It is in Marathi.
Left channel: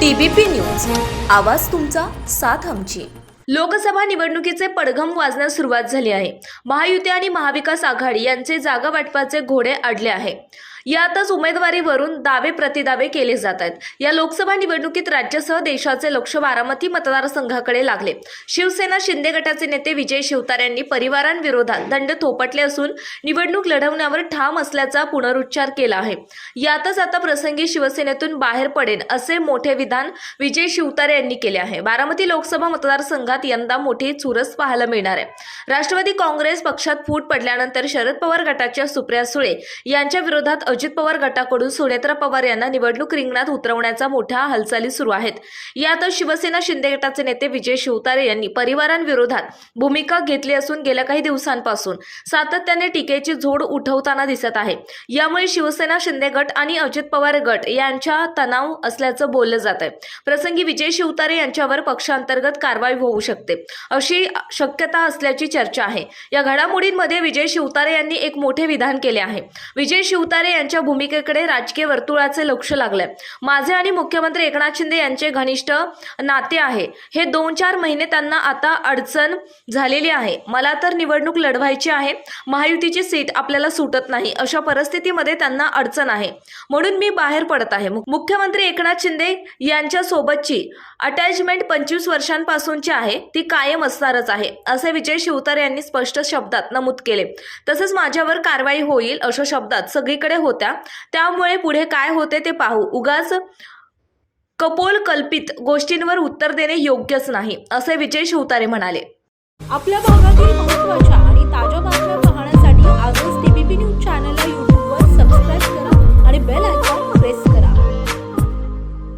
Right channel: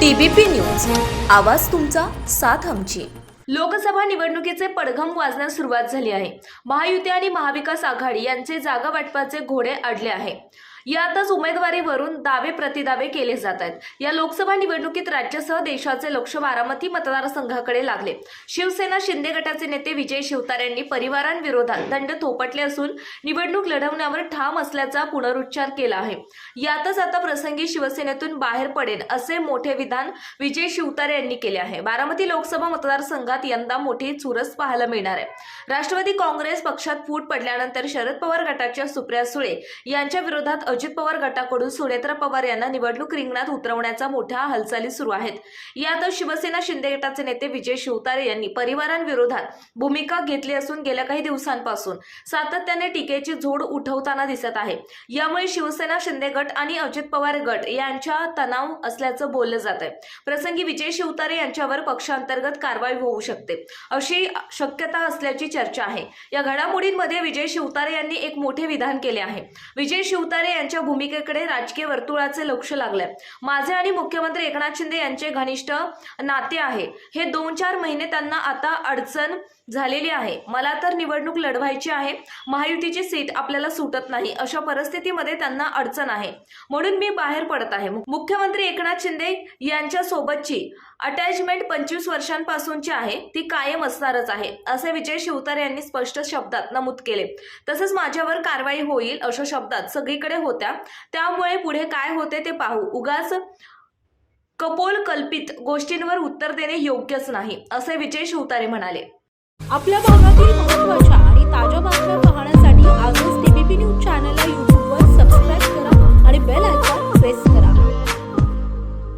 TBP news. आवाज तुमचा साथ आमची. लोकसभा निवडणुकीचे पडघम वाजण्यास सुरुवात झाली आहे. महायुती आणि महाविकास आघाडी यांचे जागा वाटपाचे घोडे अडले आहे. यातच उमेदवारीवरून दावे प्रतिदावे केले जात आहेत. या लोकसभा निवडणुकीत राज्यासह देशाचे लक्ष बारामती मतदारसंघाकडे लागले. शिवसेना शिंदे गटाचे नेते विजय शिवतार यांनी परिवारांविरोधात दंड थोपटले असून निवडणूक लढवण्यावर ठाम असल्याचा पुनरुच्चार केला आहे. यातच आता प्रसंगी शिवसेनेतून बाहेर पडेल असे मोठे विधान विजय शिवतारे यांनी केले आहे. बारामती लोकसभा मतदारसंघात यंदा मोठी चुरस पाहायला मिळणार आहे. राष्ट्रवादी काँग्रेस पक्षात फूट पडल्यानंतर शरद पवार गटाच्या सुप्रिया सुळे यांच्या विरोधात अजित पवार गटाकडून सुनेत्रा पवार यांना निवडणूक रिंगणात उतरवण्याचा मोठ्या हालचाली सुरू आहेत. यातच शिवसेना शिंदे गटाचे नेते विजय शिवतारे यांनी परिवारांविरोधात भूमिका घेतली असून गेल्या काही दिवसांपासून सातत्याने टीकेची झोड उठवताना दिसत आहे. यामुळे शिवसेना शिंदे गट आणि अजित पवार गट यांच्या तणाव असल्याचं बोललं जात आहे. प्रसंगी विजय शिवतारे यांच्यावर पक्षांतर्गत कारवाई होऊ शकते अशी शक्यता असल्याची चर्चा आहे. या घडामोडींमध्ये विजय शिवतारे यांनी एक मोठे विधान केले आहे. विजय शिवतारे यांच्या भूमिकेकडे राजकीय वर्तुळाचे लक्ष लागलंय. माझे आणि मुख्यमंत्री एकनाथ शिंदे यांचे घनिष्ठ नाते आहे. हे दोन चार महिने त्यांना आता अडचण झालेली आहे. मला तर निवडणूक लढवायची आहे. महायुतीची सीट आपल्याला सुटत नाही. अशा परिस्थितीमध्ये त्यांना अडचण आहे. म्हणून मी बाहेर पडत आहे. मु- मुख्यमंत्री एकनाथ शिंदे यांच्या सोबतची अटॅचमेंट पंचवीस वर्षांपासूनची आहे. ती कायम असणारच आहे. असे विजय शिवतारे यांनी स्पष्ट शब्दात नमूद केले. तसंच माझ्यावर कारवाई होईल अशा शब्दात सगळीकडे होत्या. त्यामुळे पुढे काय होते ते पाहू. उगाच कपोल कल्पित गोष्टींवर उत्तर देणे योग्यच नाही असे विजय शिवतारे म्हणाले. आपल्या भागातील महत्त्वाच्या